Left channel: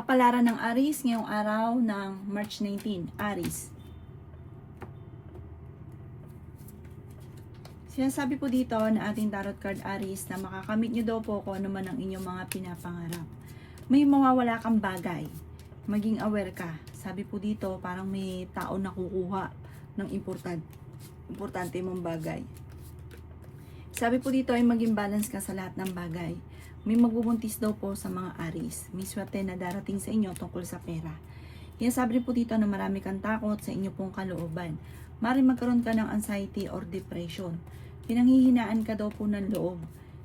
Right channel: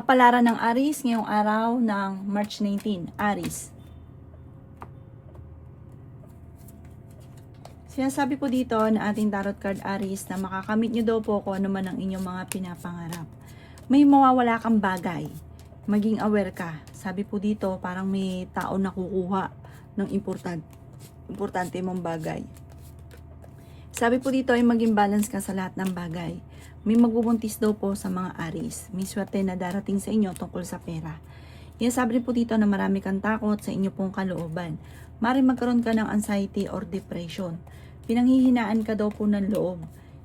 Kapalaran ng Aries ngayong araw ng March 19. Aries. Sinasabi po dito na ating tarot card Aries na makakamit nyo daw po kung ano man ang inyong mga pinapangarap. May mawawala kang bagay. Maging aware ka. Sabi po dito parang may tao na kukuha ng importante mong bagay. Sabi po dito ay maging balance ka sa lahat ng bagay. May magbubuntis daw po sa mga Aries. May swerte na darating sa inyo tungkol sa pera. Sabi rin po dito na marami kang takot sa inyo pong kalooban. Maaaring magkaroon ka ng anxiety or depression. Pinanghihinaan ka daw po ng loob.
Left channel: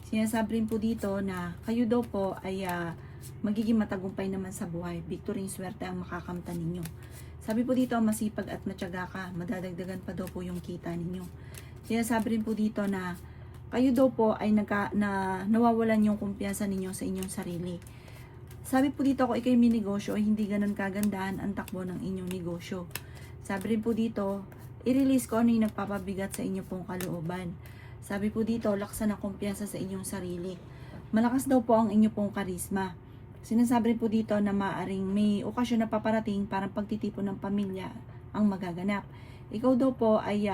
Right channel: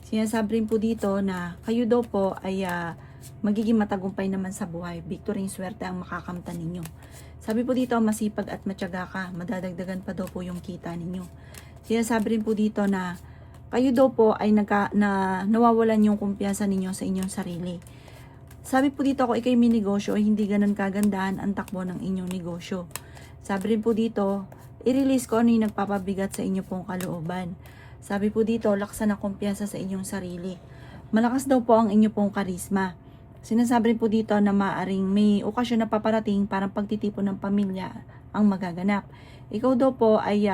Sinasabi rin po dito na kayo daw po ay magiging matagumpay naman sa buhay. Victory and swerte ang makakamtan ninyo. Sabi po dito masipag at matyaga ka. Madadagdagan pa daw po yung kita ninyo. Sinasabi rin po dito na kayo daw po ay nawawalan yung kumpiyansa ninyo sa inyong sarili. Sabi po dito kung ikay may negosyo ay hindi ganun kagandahan ang takbo ng inyong negosyo. Sabi rin po dito, i-release ko ano yung nagpapabigat sa inyo pong kalooban. Sabi po dito, laksan ang kumpiyansa sa inyong sarili. Malakas daw po ang inyo pong karisma. Sinasabi rin po dito na maaaring may okasyon na paparating parang pagtitipon ng pamilya ang magaganap. Ikaw daw po ay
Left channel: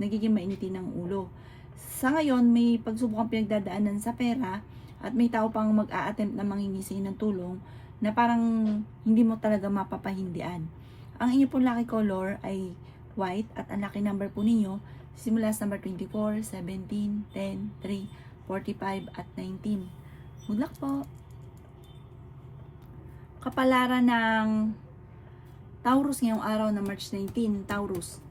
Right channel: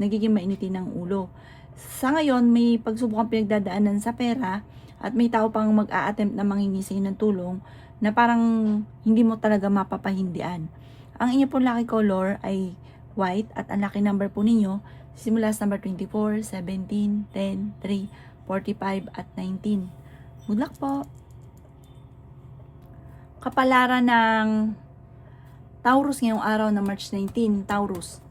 nagiging mainitin ng ulo. Sa ngayon, may pagsubok ang pinagdadaanan sa pera at may tao pang mag-a-attempt na mangingisay ng tulong na parang hindi mo talaga mapapahindian. Ang inyo pong lucky color ay white at ang lucky number po ninyo simula sa number 24, 17, 10, 3, 45 at 19. Good luck po! Kapalaran ng Taurus ngayong araw na March 19. Taurus.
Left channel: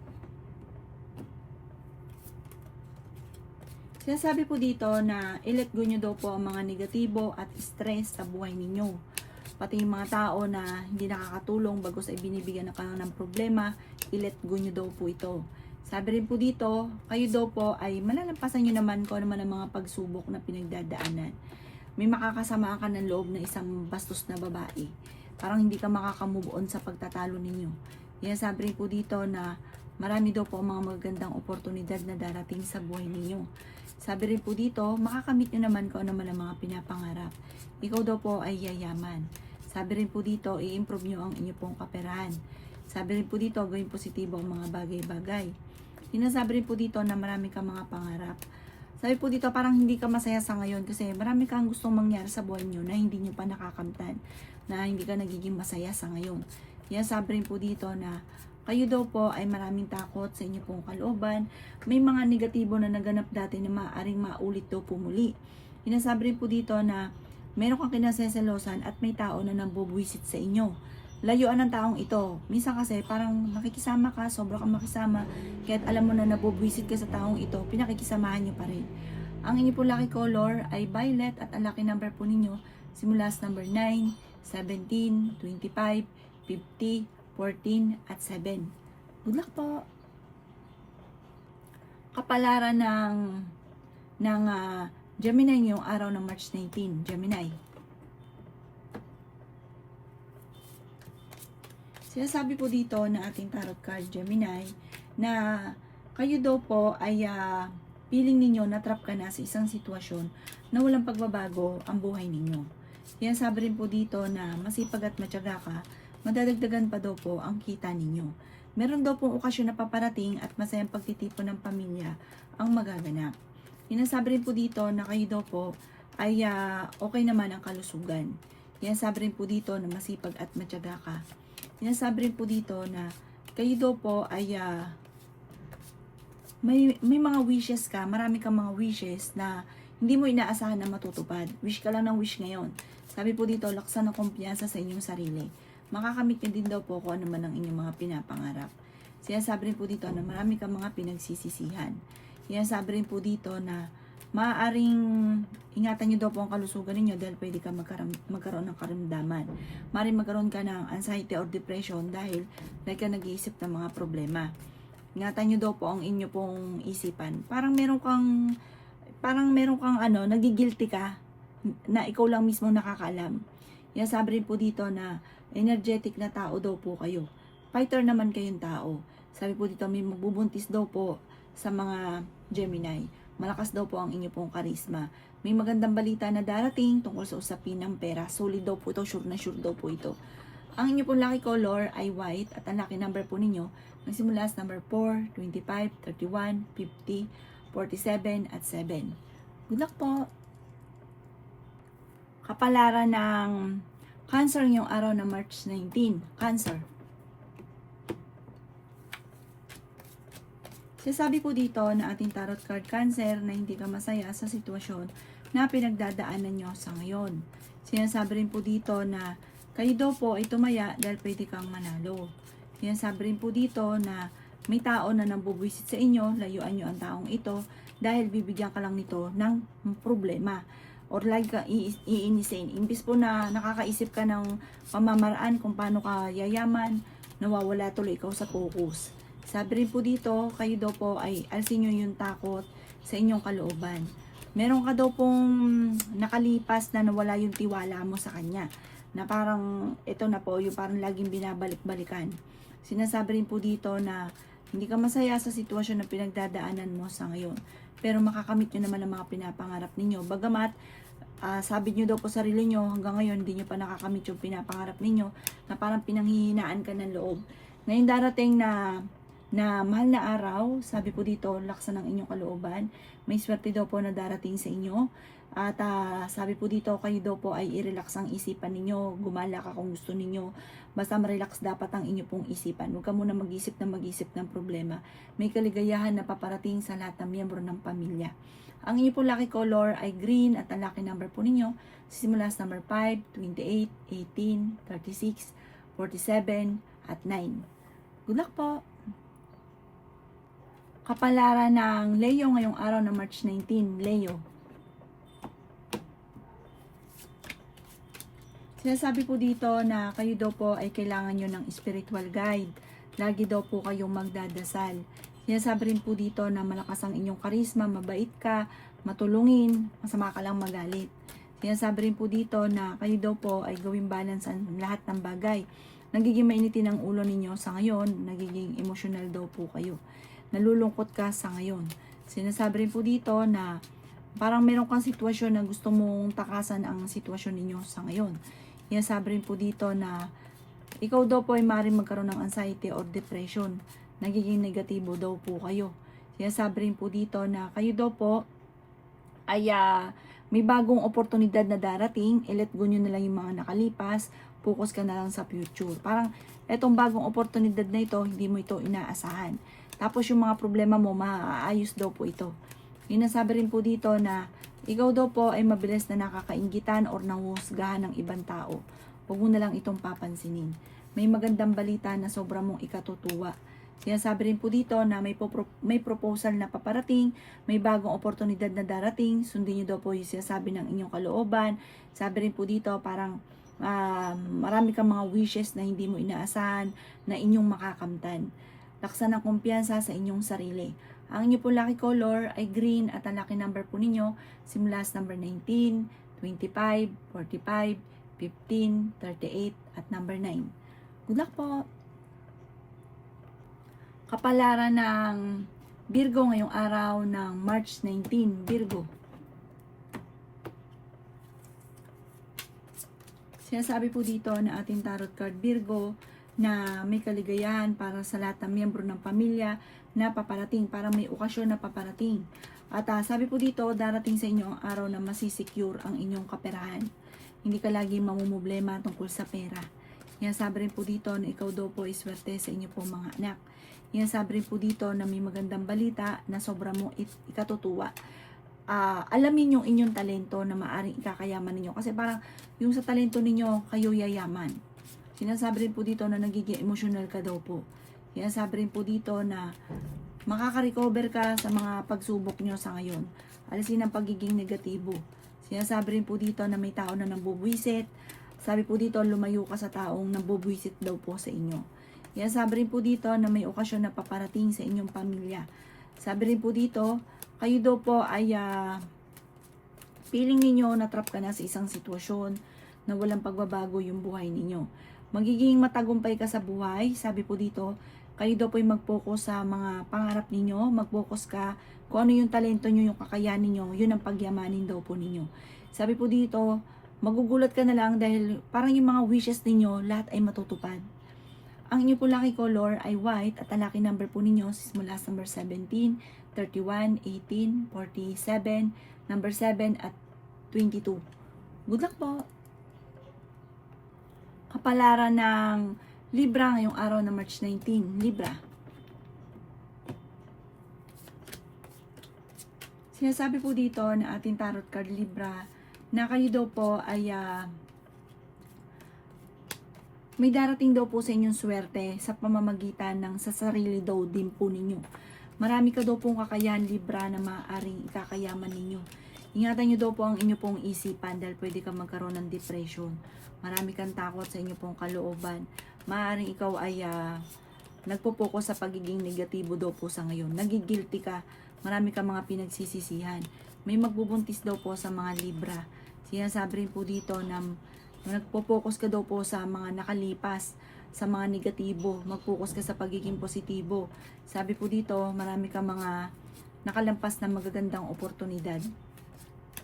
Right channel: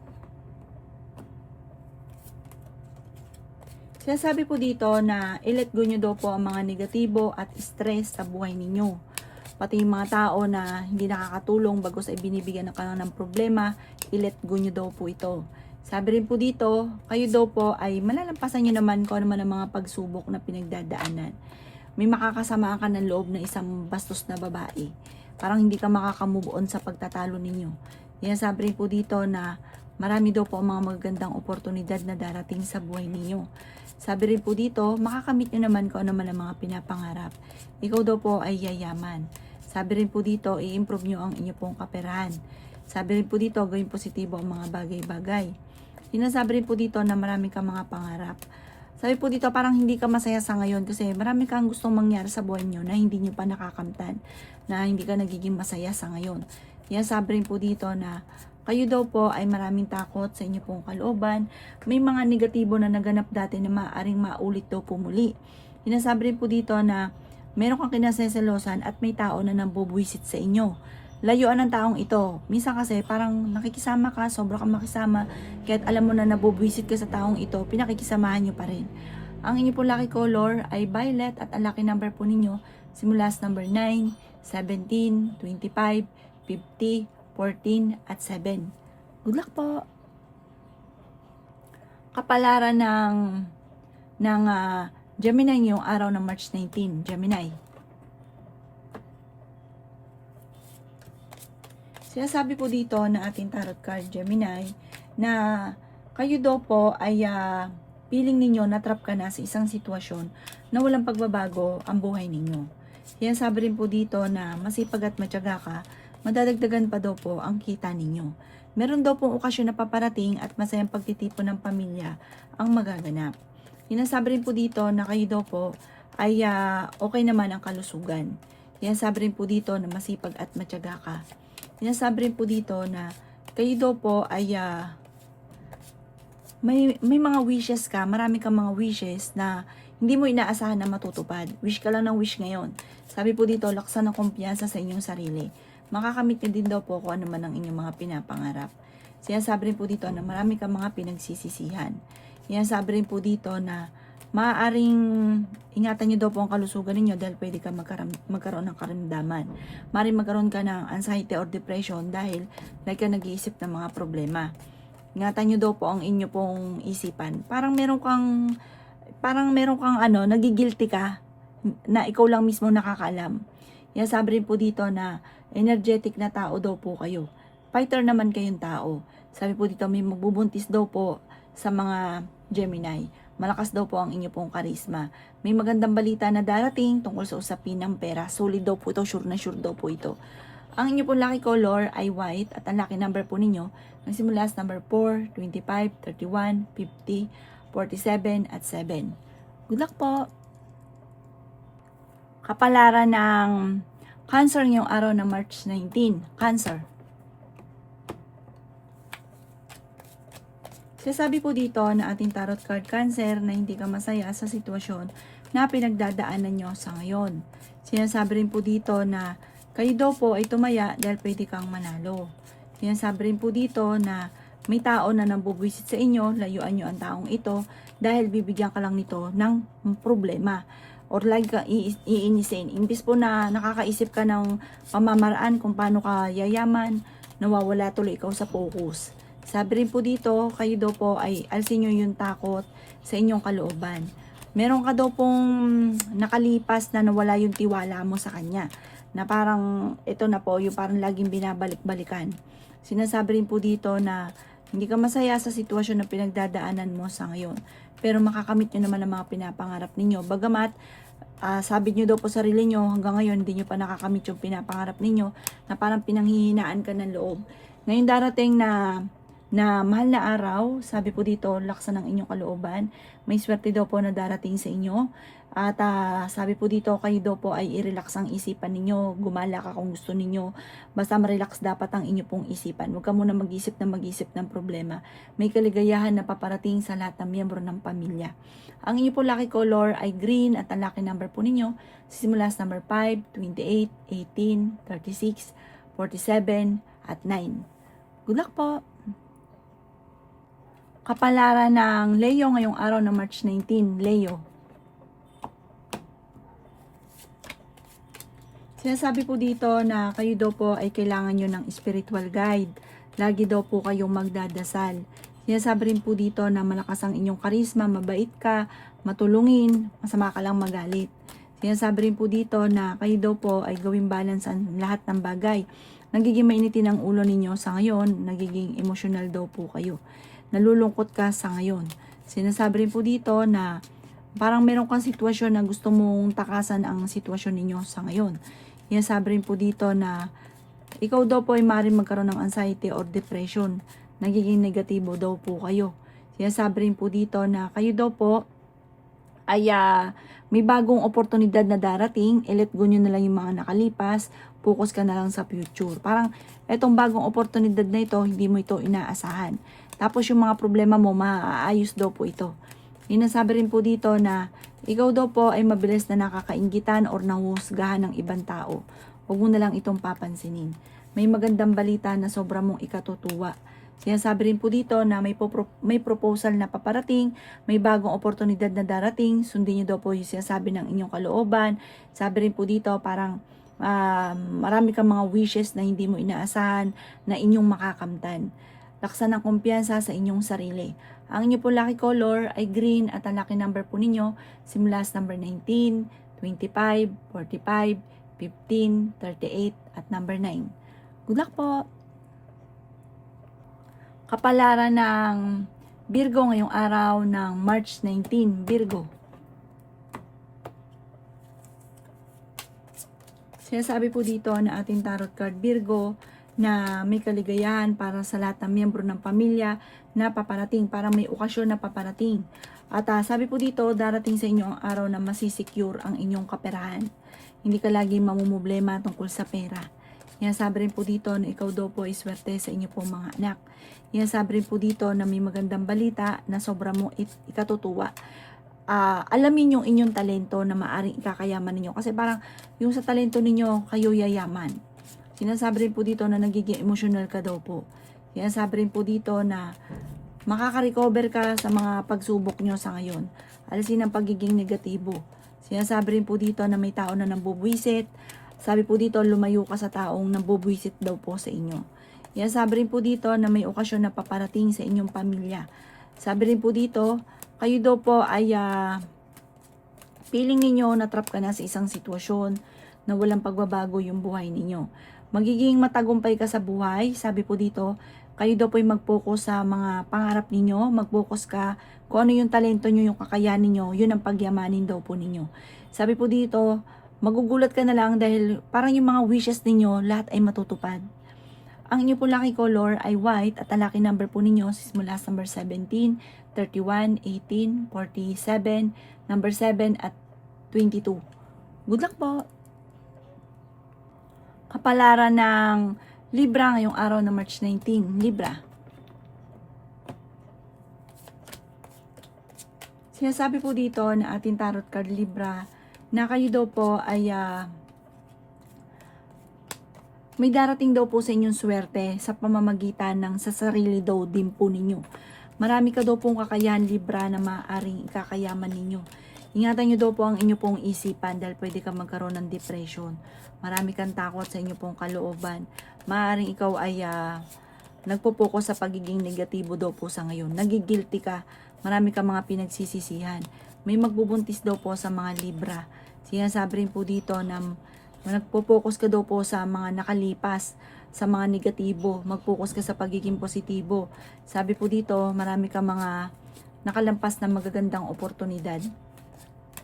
Sinasabi po dito na i-let go nyo daw po ang mga negatibo at stress sa buhay ninyo. Pati yung mga tao na hindi nakakatulong bago sa ibinibigyan ng kanang ng problema, i-let go nyo daw po ito. Sabi rin po dito, kayo daw po ay malalampasan nyo naman kung ano man ang mga pagsubok na pinagdadaanan. May makakasama ka ng loob na isang bastos na babae. Parang hindi ka makakamove on sa pagtatalo ninyo. Sabi rin po dito na marami daw po ang mga magagandang oportunidad na darating sa buhay ninyo. Sabi rin po dito, makakamit nyo naman kung ano man ang mga pinapangarap. Ikaw daw po ay yayaman. Sabi rin po dito, i-improve nyo ang inyo pong kaperahan. Sabi rin po dito, gawin positibo ang mga bagay-bagay. Sinasabi rin po dito na marami kang mga pangarap. Sabi po dito, parang hindi ka masaya sa ngayon kasi marami kang gustong mangyari sa buhay nyo na hindi nyo pa nakakamtan, na hindi ka nagiging masaya sa ngayon. Sabi rin po dito na kayo daw po ay maraming takot sa inyo pong kalooban. May mga negatibo na naganap dati na maaaring maulit daw po muli. Sinasabi rin po dito na meron kang kinaseselosan at may tao na nambubwisit sa inyo. Layuan ng taong ito. Minsan kasi parang nakikisama ka, sobra kang makisama, kahit alam mo na nabubwisit ka sa taong ito, pinakikisamahan nyo pa rin. Ang inyo po lucky color ay violet at ang lucky number po ninyo simula sa number 9, 17, 25, 50, 14 at 7. Good luck po! Kapalaran ng Gemini ngayong araw ng March 19. Gemini. Sinasabi po dito ng ating tarot card Gemini na kayo daw po ay feeling ninyo na-trap ka na sa isang sitwasyon na walang pagbabago ang buhay ninyo. Sinasabi rin po dito na masipag at matyaga ka, madadagdagan pa daw po ang kita ninyo. Meron daw pong okasyon na paparating at masayang pagtitipon ng pamilya ang magaganap. Sinasabi rin po dito na kayo daw po ay okay naman ang kalusugan. Sinasabi rin po dito na masipag at matyaga ka. Sinasabi rin po dito na kayo daw po ay may mga wishes ka, marami kang mga wishes na hindi mo inaasahan na matutupad. Wish ka lang ng wish ngayon. Sabi po dito, laksan ang kumpiyansa sa inyong sarili. Makakamit nyo din daw po kung ano man ang inyong mga pinapangarap. Sinasabi rin po dito na marami kang mga pinagsisisihan. Sinasabi rin po dito na maaaring ingatan nyo daw po ang kalusugan ninyo dahil pwede ka magkaroon ng karamdaman. Maaaring magkaroon ka ng anxiety or depression dahil like ka nag-iisip ng mga problema. Ingatan nyo daw po ang inyo pong isipan. Parang meron kang nagigilty ka na ikaw lang mismo nakakaalam. Sabi rin po dito na energetic na tao daw po kayo. Fighter naman kayong tao. Sabi po dito may magbubuntis daw po sa mga Gemini. malakas daw po ang inyo pong karisma. May magandang balita na darating tungkol sa usapin ng pera. Solid daw po ito, sure na sure daw po ito. Ang inyo pong lucky color ay white at ang lucky number po ninyo nagsimula sa number 4, 25, 31, 50, 47 at 7. Good luck po! Kapalaran ng Cancer ngayong araw na March 19. Cancer. Sinasabi po dito na ating tarot card Cancer na hindi ka masaya sa sitwasyon na pinagdadaanan nyo sa ngayon. Sinasabi rin po dito na kayo daw po ay tumaya dahil pwede kang manalo. Sinasabi rin po dito na may tao na nambubwisit sa inyo, layuan nyo ang taong ito dahil bibigyan ka lang nito ng problema. Or lagi ka iinisin. Imbis po na nakakaisip ka ng pamamaraan kung paano ka yayaman, nawawala tuloy ikaw sa focus. Sabi rin po dito, kayo daw po ay alsin nyo yung takot sa inyong kalooban. Meron ka daw pong nakalipas na nawala yung tiwala mo sa kanya. Na parang ito na po, yung parang laging binabalik-balikan. Sinasabi rin po dito na hindi ka masaya sa sitwasyon na pinagdadaanan mo sa ngayon. Pero makakamit nyo naman ang mga pinapangarap ninyo. Bagamat, sabi nyo daw po sarili nyo, hanggang ngayon hindi nyo pa nakakamit yung pinapangarap ninyo na parang pinanghihinaan ka ng loob. Ngayon darating na mahal na araw, sabi po dito, laksan ng inyong kalooban. May swerte daw po na darating sa inyo. At sabi po dito, kayo daw po ay i-relax ang isipan ninyo. Gumala ka kung gusto ninyo. Basta ma-relax dapat ang inyo pong isipan. Huwag ka muna mag-isip ng problema. May kaligayahan na paparating sa lahat ng miyembro ng pamilya. Ang inyo po lucky color ay green at ang lucky number po ninyo simula sa number 5, 28, 18, 36, 47 at 9. Good luck po! Kapalaran ng Leo ngayong araw na March 19, Leo. Sinasabi po dito na kayo daw po ay kailangan nyo ng spiritual guide. Lagi daw po kayong magdadasal. Sinasabi rin po dito na malakas ang inyong karisma, mabait ka, matulungin, masama ka lang magalit. Sinasabi rin po dito na kayo daw po ay gawing balance ang lahat ng bagay. Nagiging mainitin ang ulo ninyo sa ngayon, nagiging emotional daw po kayo. Nalulungkot ka sa ngayon. Sinasabi rin po dito na parang meron kang sitwasyon na gusto mong takasan ang sitwasyon ninyo sa ngayon. Sinasabi rin po dito na ikaw daw po ay maaaring magkaroon ng anxiety or depression. Nagiging negatibo daw po kayo. Sinasabi rin po dito na kayo daw po ay may bagong oportunidad na darating. I-let go nyo na lang yung mga nakalipas. Focus ka na lang sa future. Parang etong bagong oportunidad na ito, hindi mo ito inaasahan. Tapos yung mga problema mo, maaayos daw po ito. Sinasabi rin po dito na ikaw daw po ay mabilis na nakakainggitan or nanghusgahan ng ibang tao. Huwag mo na lang itong papansinin. May magandang balita na sobrang mong ikatutuwa. Sinasabi rin po dito na may proposal na paparating, may bagong oportunidad na darating, sundin niyo daw po yung sinasabi ng inyong kalooban. Sabi rin po dito parang marami kang mga wishes na hindi mo inaasahan na inyong makakamtan. Laksan ng kumpiyansa sa inyong sarili. Ang inyo po lucky color ay green at ang lucky number po ninyo simula sa number 19, 25, 45, 15, 38 at number 9. Good luck po! Kapalaran ng Virgo ngayong araw ng March 19, Virgo. Sinasabi po dito na ating tarot card Virgo na may kaligayahan para sa lahat ng miyembro ng pamilya na paparating, para may okasyon na paparating. At sabi po dito, darating sa inyo ang araw na masisecure ang inyong kaperahan. Hindi ka lagi mamumblema tungkol sa pera. Sinasabi rin po dito na ikaw daw po ay swerte sa inyo po mga anak. Sinasabi rin po dito na may magandang balita na sobra mo ikatutuwa. Alamin yung inyong talento na maaring ikakayaman ninyo. Kasi parang yung sa talento ninyo, kayo yayaman. Sinasabi rin po dito na nagiging emotional ka daw po. Sinasabi rin po dito na makaka-recover ka sa mga pagsubok nyo sa ngayon. Alisin ang pagiging negatibo. Sinasabi rin po dito na may tao na nambubwisit. Sabi po dito, lumayo ka sa taong nambubwisit daw po sa inyo. Sinasabi rin po dito na may okasyon na paparating sa inyong pamilya. Sabi rin po dito, kayo daw po ay feeling ninyo na trap ka na sa isang sitwasyon na walang pagbabago yung buhay ninyo. Magiging matagumpay ka sa buhay, sabi po dito, Kayo daw po ay mag-focus sa mga pangarap ninyo, mag-focus ka kung ano yung talento nyo, yung kakayanin nyo, yun ang pagyamanin daw po ninyo. Sabi po dito, magugulat ka na lang dahil parang yung mga wishes ninyo, lahat ay matutupad. Ang inyo po lucky color ay white at ang lucky number po ninyo is mula sa number 17, 31, 18, 47, number 7 at 22. Good luck po! Kapalaran ng Libra ngayong araw na March 19. Libra. Sinasabi po dito na ating tarot card Libra na kayo daw po ay may darating daw po sa inyong swerte sa pamamagitan ng sa sarili daw din po ninyo. Marami ka daw pong kakayahan Libra na maaaring ikakayaman ninyo. Ingatan nyo daw po ang inyo pong isipan dahil pwede kang magkaroon ng depression. Marami kang takot sa inyo pong kalooban. Maaaring ikaw ay nagpo-focus sa pagiging negatibo daw po sa ngayon. Nagigilty ka. Marami kang mga pinagsisisihan. May magbubuntis daw po sa mga Libra. Sinasabi rin po dito na nagpo-focus ka daw po sa mga nakalipas, sa mga negatibo. Mag-focus ka sa pagiging positibo. Sabi po dito, marami kang mga nakalampas na magagandang oportunidad.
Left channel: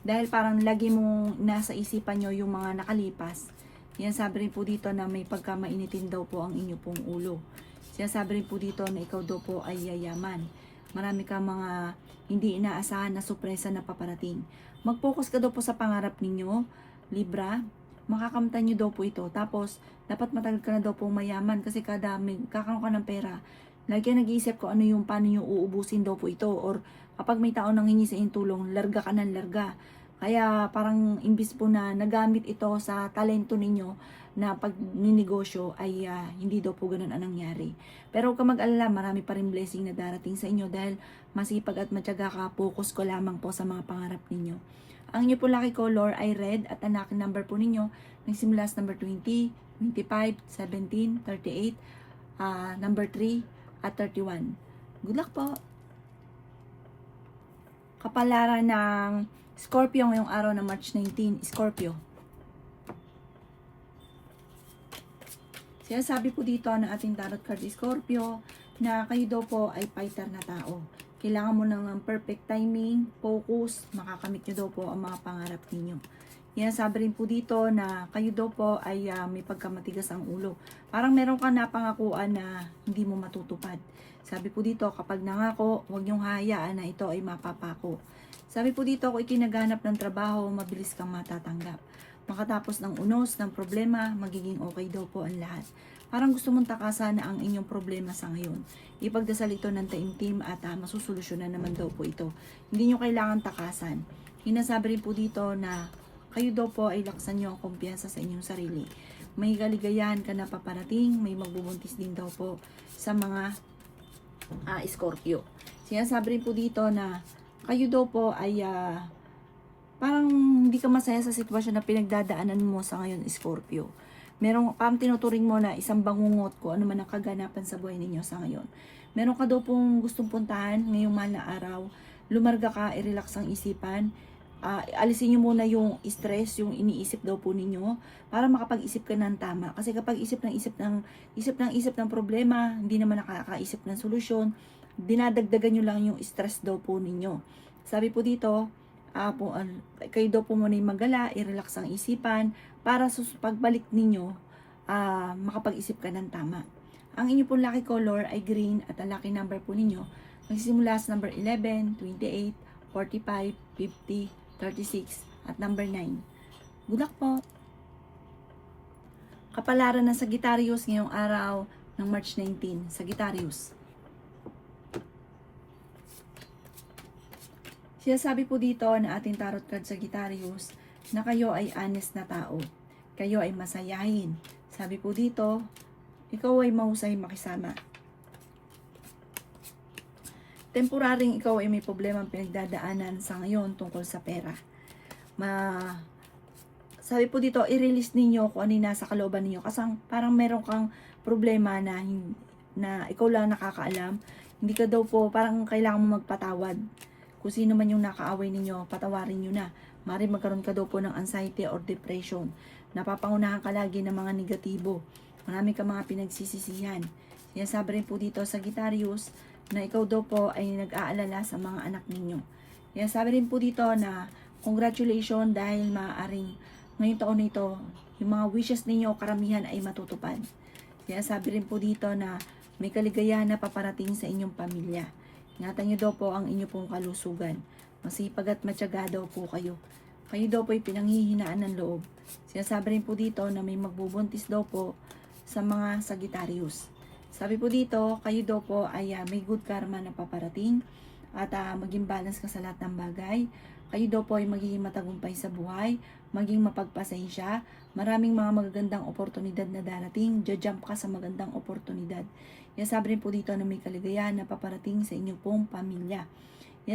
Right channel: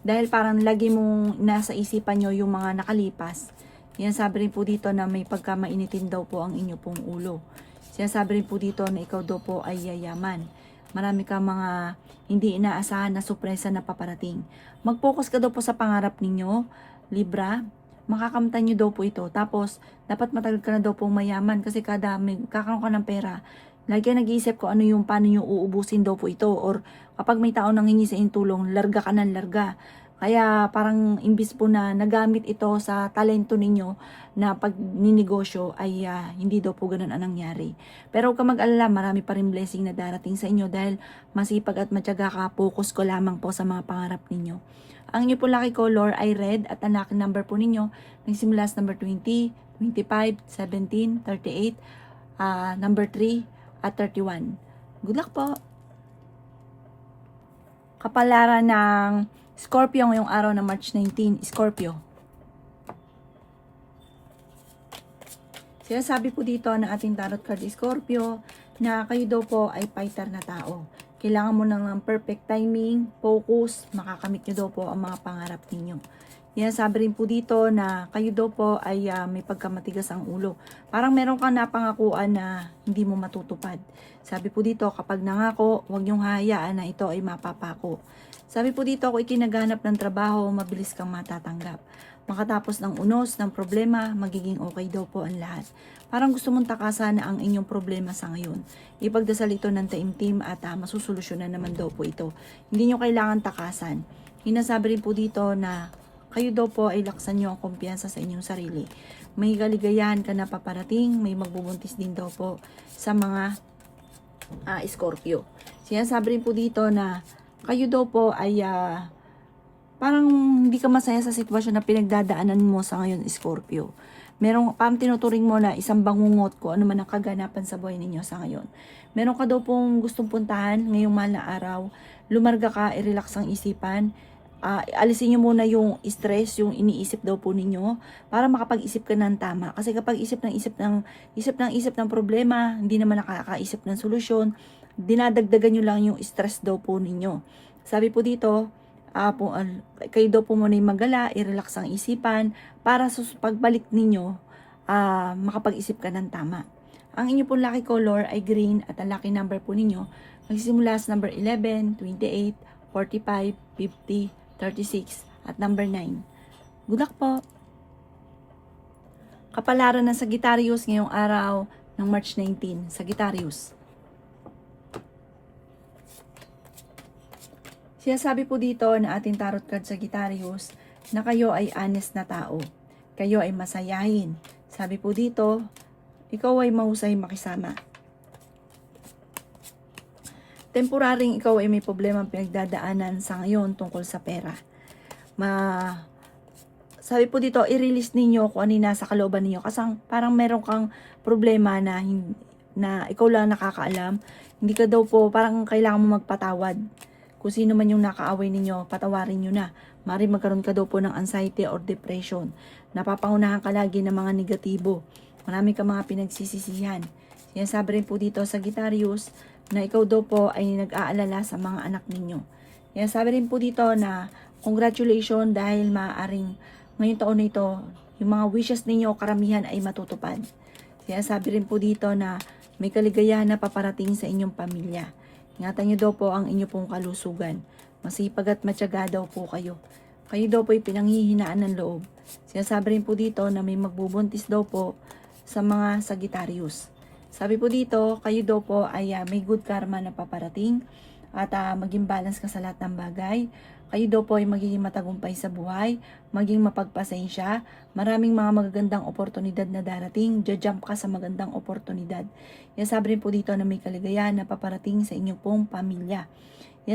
Dahil parang lagi mong nasa isipan nyo yung mga nakalipas. Sinasabi rin po dito na may pagkamainitin daw po ang inyo pong ulo. Sinasabi rin po dito na ikaw daw po ay yayaman. Marami kang mga hindi inaasahan na sorpresa na paparating. Mag-focus ka daw po sa pangarap ninyo, Libra. Makakamtan nyo daw po ito. Tapos, dapat matagal ka na daw pong mayaman kasi kada may kakaroon ka ng pera, lagi ka nag-iisip ko ano yung paano nyo uubusin daw po ito. Or kapag may tao nang hingi sa inyong tulong, larga ka ng larga. Kaya parang imbis po na nagamit ito sa talento ninyo na pag ninegosyo ay hindi daw po ganun ang nangyari. Pero huwag ka mag-alala, marami pa rin blessing na darating sa inyo dahil masipag at matyaga ka, focus ko lamang po sa mga pangarap ninyo. Ang inyo po lucky color ay red at ang lucky number po ninyo nagsimula sa number 20, 25, 17, 38, number 3 at 31. Good luck po! Kapalaran ng Scorpio ngayong araw ng March 19, Scorpio. Sinasabi po dito ng ating tarot card Scorpio na kayo daw po ay fighter na tao. Kailangan mo ng perfect timing, focus, makakamit nyo daw po ang mga pangarap ninyo. Sinasabi rin po dito na kayo daw po ay may pagkamatigas ang ulo. Parang meron kang napangakuan na hindi mo matutupad. Sabi po dito, kapag nangako, huwag niyong hayaan na ito ay mapapako. Sabi po dito, kung ikinaganap ng trabaho, mabilis kang matatanggap. Makatapos ng unos, ng problema, magiging okay daw po ang lahat. Parang gusto mong takasan na ang inyong problema sa ngayon. Ipagdasal ito ng taimtim at masusolusyonan naman daw po ito. Hindi nyo kailangan takasan. Hinasabi rin po dito na kayo daw po ay laksan nyo ang kumpiyansa sa inyong sarili. May kaligayahan ka na paparating, may magbubuntis din daw po sa mga Scorpio. Sinasabi rin po dito na kayo daw po ay parang hindi ka masaya sa sitwasyon na pinagdadaanan mo sa ngayon, Scorpio. Merong parang tinuturing mo na isang bangungot ko ano man ang kaganapan sa buhay ninyo sa ngayon. Meron ka daw pong gustong puntahan ngayong mahal na araw. Lumarga ka, i-relax ang isipan. Alisin nyo muna yung stress, yung iniisip daw po ninyo para makapag-isip ka ng tama. Kasi kapag isip ng problema, hindi naman nakakaisip ng solusyon, dinadagdagan nyo lang yung stress daw po ninyo. Sabi po dito, kayo daw po muna yung magala, i-relax ang isipan para sa pagbalik ninyo, makapag-isip ka ng tama. Ang inyo pong lucky color ay green at ang lucky number po ninyo magsisimula sa number 11, 28, 45, 50, 36 at number 9. Good luck po! Kapalaran ng Sagittarius ngayong araw ng March 19, Sagittarius. Sinasabi po dito na ating tarot card Sagittarius na kayo ay honest na tao. Kayo ay masayahin. Sabi po dito, ikaw ay mahusay makisama. Temporaring ikaw ay may problema pinagdadaanan sa ngayon tungkol sa pera. Sabi po dito, i-release ninyo kung ano yung nasa kalooban ninyo. Kasi parang meron kang problema na ikaw lang nakakaalam. Hindi ka daw po, parang kailangan mo magpatawad. Kung sino man yung nakaaway ninyo, patawarin nyo na. Mari magkaroon ka daw po ng anxiety or depression. Napapangunahan ka lagi ng mga negatibo. Marami ka mga pinagsisisihan. Sinasabi rin po dito sa Sagittarius na ikaw daw po ay nag-aalala sa mga anak ninyo. Sinasabi rin po dito na congratulations dahil maaaring ngayong taon na ito, yung mga wishes ninyo karamihan ay matutupad. Sinasabi rin po dito na may kaligayahan na paparating sa inyong pamilya. Ingatan nyo daw po ang inyo pong kalusugan. Masipag at matyaga daw po kayo. Kayo daw po ay pinanghihinaan ng loob. Sinasabi rin po dito na may magbubuntis daw po sa mga Sagittarius. Sabi po dito, kayo daw po ay may good karma na paparating at maging balance ka sa lahat ng bagay. Kayo daw po ay magiging matagumpay sa buhay, maging mapagpasensya, maraming mga magagandang oportunidad na darating, jump ka sa magandang oportunidad. Sabi rin po dito na may kaligayahan na paparating sa inyong pong pamilya.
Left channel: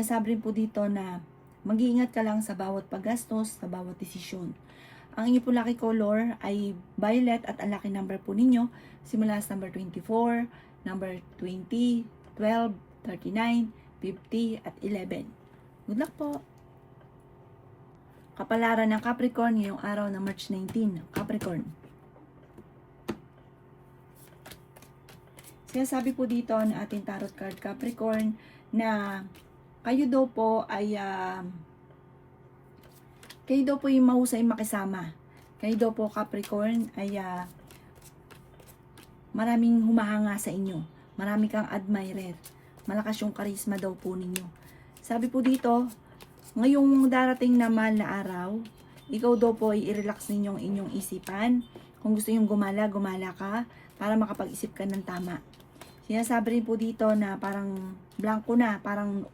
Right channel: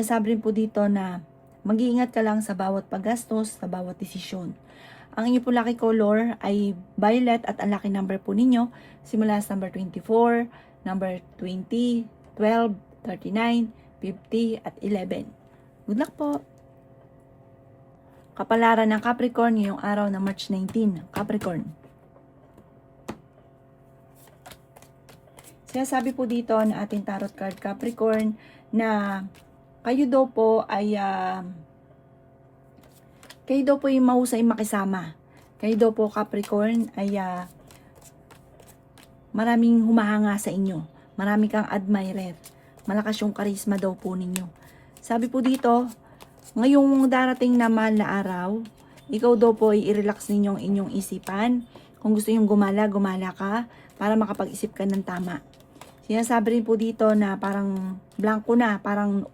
Sabi rin po dito na mag-iingat ka lang sa bawat paggastos, sa bawat desisyon. Ang inyong pong lucky color ay violet at ang lucky number po ninyo simula sa number 24, number 20, 12, 39, 50 at 11. Good luck po! Kapalaran ng Capricorn ngayong araw na March 19. Capricorn. Sinasabi po dito na ating tarot card Capricorn na kayo daw po ay mahusay makisama. Kayo daw po Capricorn ay maraming humahanga sa inyo. Marami kang admirer. Malakas yung karisma daw po ninyo. Sabi po dito, ngayong darating na mahal na araw, ikaw daw po ay i-relax ninyong inyong isipan. Kung gusto nyong gumala, gumala ka para makapag-isip ka ng tama. Sinasabi rin po dito na parang blanco na, parang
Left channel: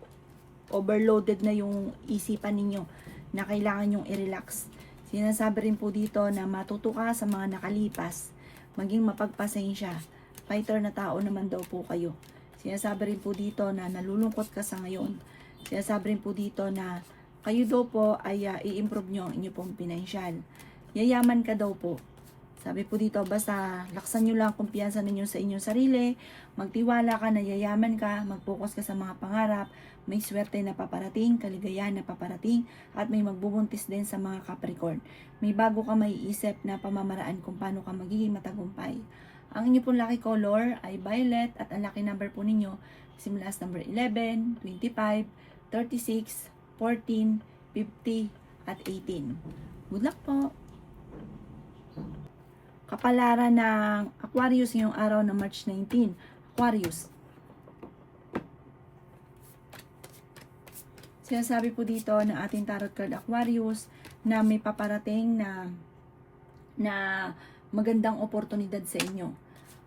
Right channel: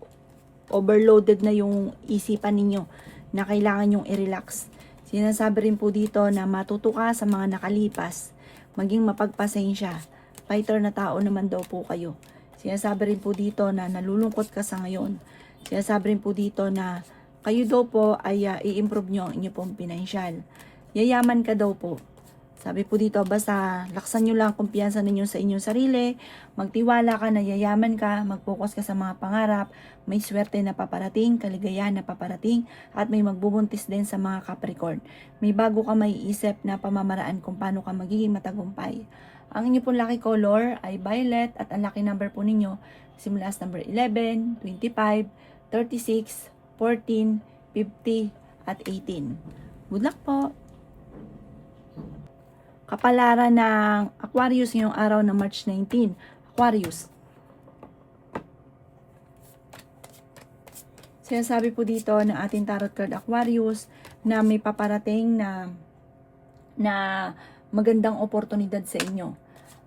overloaded na yung isipan ninyo na kailangan nyong i-relax. Sinasabi rin po dito na matuto ka sa mga nakalipas, maging mapagpasensya. Fighter na tao naman daw po kayo. Sinasabi rin po dito na nalulungkot ka sa ngayon. Sinasabi rin po dito na kayo daw po ay i-improve nyo ang inyo pong pinansyal. Yayaman ka daw po. Sabi po dito, basta laksan nyo lang kumpiyansa ninyo sa inyong sarili, magtiwala ka na yayaman ka, mag-focus ka sa mga pangarap, may swerte na paparating, kaligayahan na paparating, at may magbubuntis din sa mga Capricorn. May bago ka maiisip na pamamaraan kung paano ka magiging matagumpay. Ang inyo pong lucky color ay violet at ang lucky number po ninyo simula sa number 11, 25, 36, 14, 50, at 18. Good luck po! Kapalaran ng Aquarius ngayong araw na March 19. Aquarius. Sinasabi po dito ng ating tarot card Aquarius na may paparating na magandang oportunidad sa inyo.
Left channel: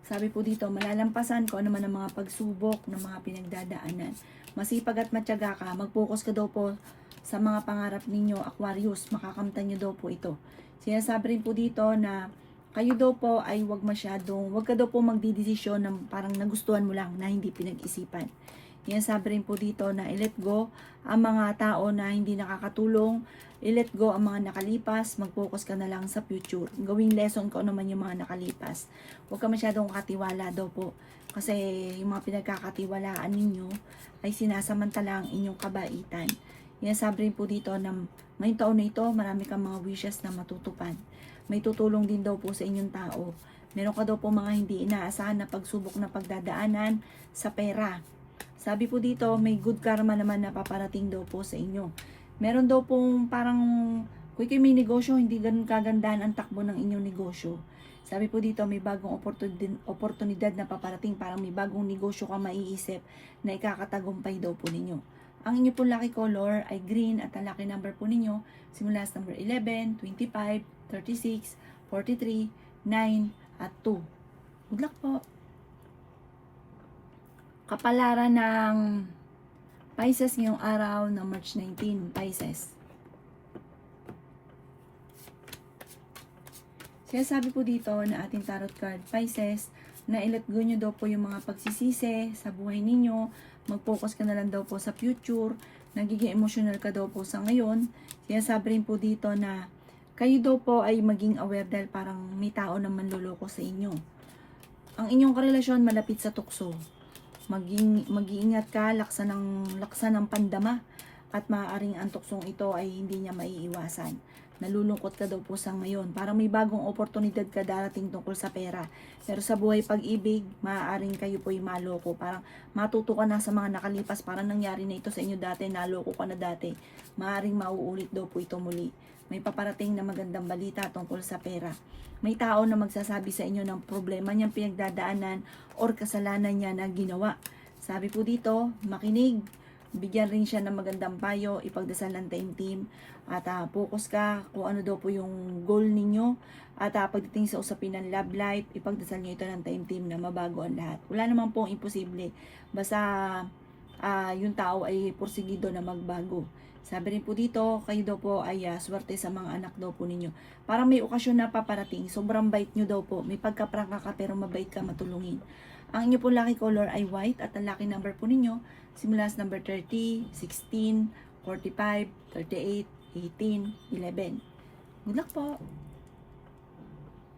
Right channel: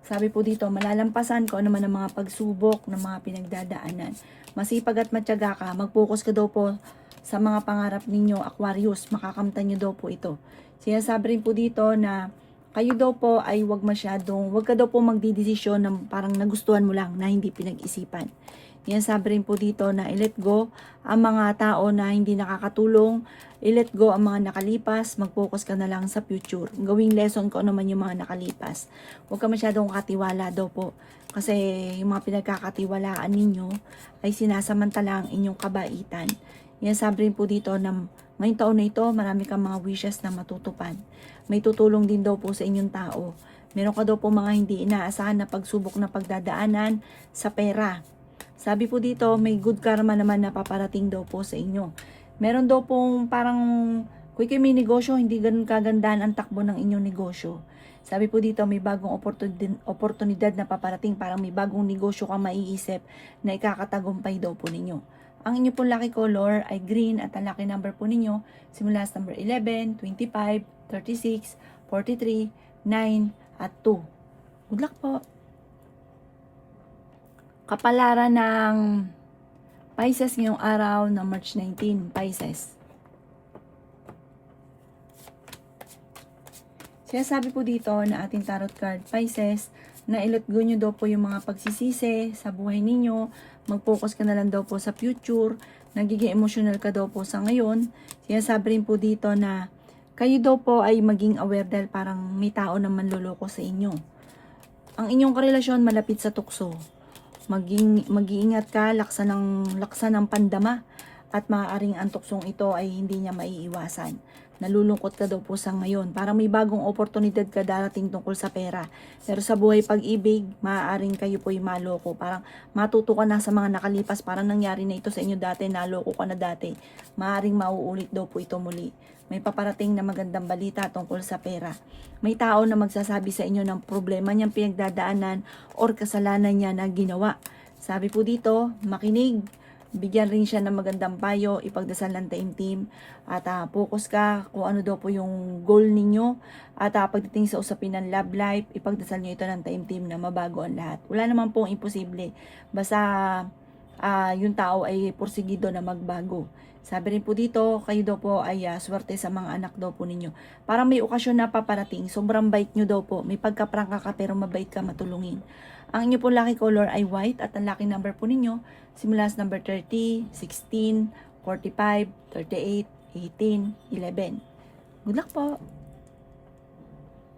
Sabi po dito, malalampasan ko ano man ang mga pagsubok ng mga pinagdadaanan. Masipag at matyaga ka, mag-focus ka daw po sa mga pangarap ninyo, Aquarius. Makakamtan nyo daw po ito. Sinasabi rin po dito na kayo daw po ay wag ka daw po magdidesisyon ng parang nagustuhan mo lang na hindi pinag-isipan. Yan sabi rin po dito na i-let go ang mga tao na hindi nakakatulong, i-let go ang mga nakalipas, mag-focus ka na lang sa future. Gawing lesson ko naman yung mga nakalipas. Huwag ka masyadong katiwala daw po. Kasi yung mga pinagkakatiwalaan ninyo ay sinasamantala ang inyong kabaitan. Yan sabi rin po dito na ngayong taon na ito, marami kang mga wishes na matutupad. May tutulong din daw po sa inyong tao. Meron ka daw po mga hindi inaasahan na pagsubok na pagdadaanan sa pera. Sabi po dito, may good karma naman na paparating daw po sa inyo. Meron daw pong parang, kung kayo may negosyo, hindi ganun kagandahan ang takbo ng inyong negosyo. Sabi po dito, may bagong oportunidad na paparating, parang may bagong negosyo kang maiisip na ikakatagumpay daw po ninyo. Ang inyo pong lucky color ay green at ang lucky number po ninyo simula sa number 11, 25, 36, 43, 9, at 2. Good luck po! Kapalaran ng Pisces ngayong araw ng March 19, Pisces. Sinasabi po dito na ating tarot card Pisces na i-let go nyo daw po yung mga pagsisisi sa buhay ninyo, mag-focus ka na lang daw po sa future, nagiging emotional ka daw po sa ngayon. Sinasabi rin po dito na kayo daw po ay maging aware dahil parang may tao na manloloko sa inyo. Ang inyong karelasyon malapit sa tukso. Mag-iingat ka, laksa ng pandama at maaaring ang tuksong ito ay hindi niya maiiwasan. nalulungkot ka daw po sa ngayon. Parang may bagong oportunidad ka darating tungkol sa pera. Pero sa buhay pag-ibig, maaaring kayo po yung maloko. Parang matuto ka na sa mga nakalipas. Parang nangyari na ito sa inyo dati, naloko ka na dati. Maaaring mauulit daw po ito muli. May paparating na magandang balita tungkol sa pera. May tao na magsasabi sa inyo ng problema niyang pinagdadaanan or kasalanan niya na ginawa. Sabi po dito, makinig. Bigyan rin siya ng magandang payo, ipagdasal ng taimtim, at focus ka kung ano daw po yung goal ninyo, at pagdating sa usapin ng love life, ipagdasal nyo ito ng taimtim na mabago ang lahat. Wala naman pong imposible, basta yung tao ay porsigido na magbago. Sabi rin po dito, kayo daw po ay swerte sa mga anak daw po ninyo. Parang may okasyon na paparating, sobrang bait nyo daw po, may pagkaprangka ka pero mabait ka matulungin. Ang inyo po lucky color ay white at ang lucky number po ninyo simula sa number 30, 16, 45, 38, 18, 11. Good luck po!